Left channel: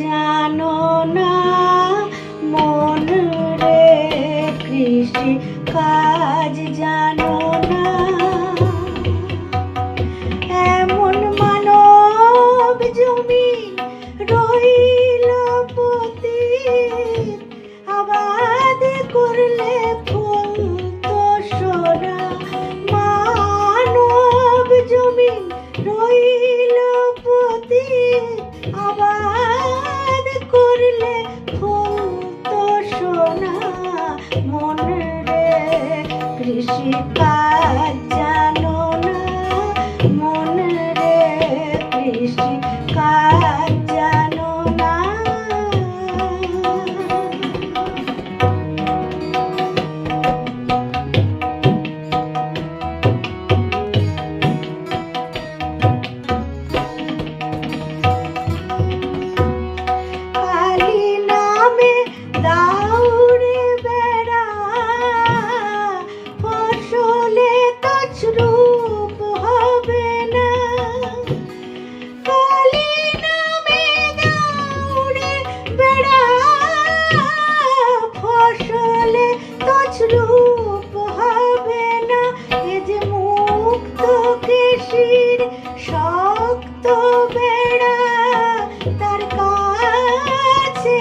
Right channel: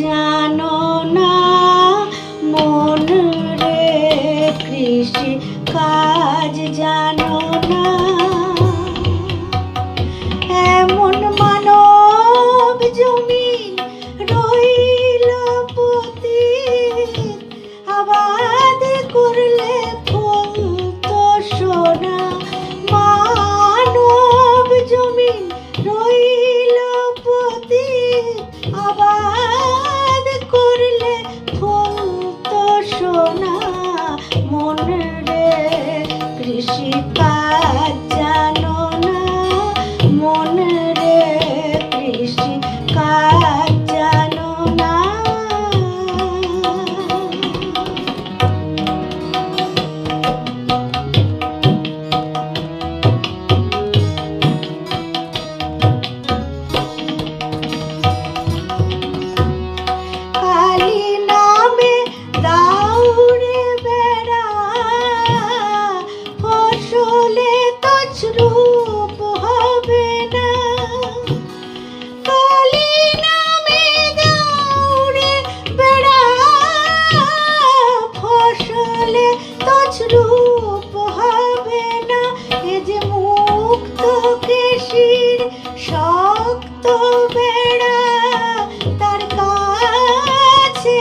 জানো না মন রে, কৃষি কাজ জানো না। এমন মানব জমি রইল পতিত, আবাদ করলে ফলতো সোনা। মানব জমি রইল পতিত, আবাদ করলে ফলতো সোনা। মন রে, কৃষি কাজ জানো না, মন রে, কৃষি কাজ জানো না। কালী নামে দাউড়ে বেড়া, ফসলে তছরূপ হবে না। কালী নামে দাউড়ে বেড়া, ফসলে তছরূপ হবে না। এ যে মুক্ত কৃষির শক্ত বেড়া, তার কাছে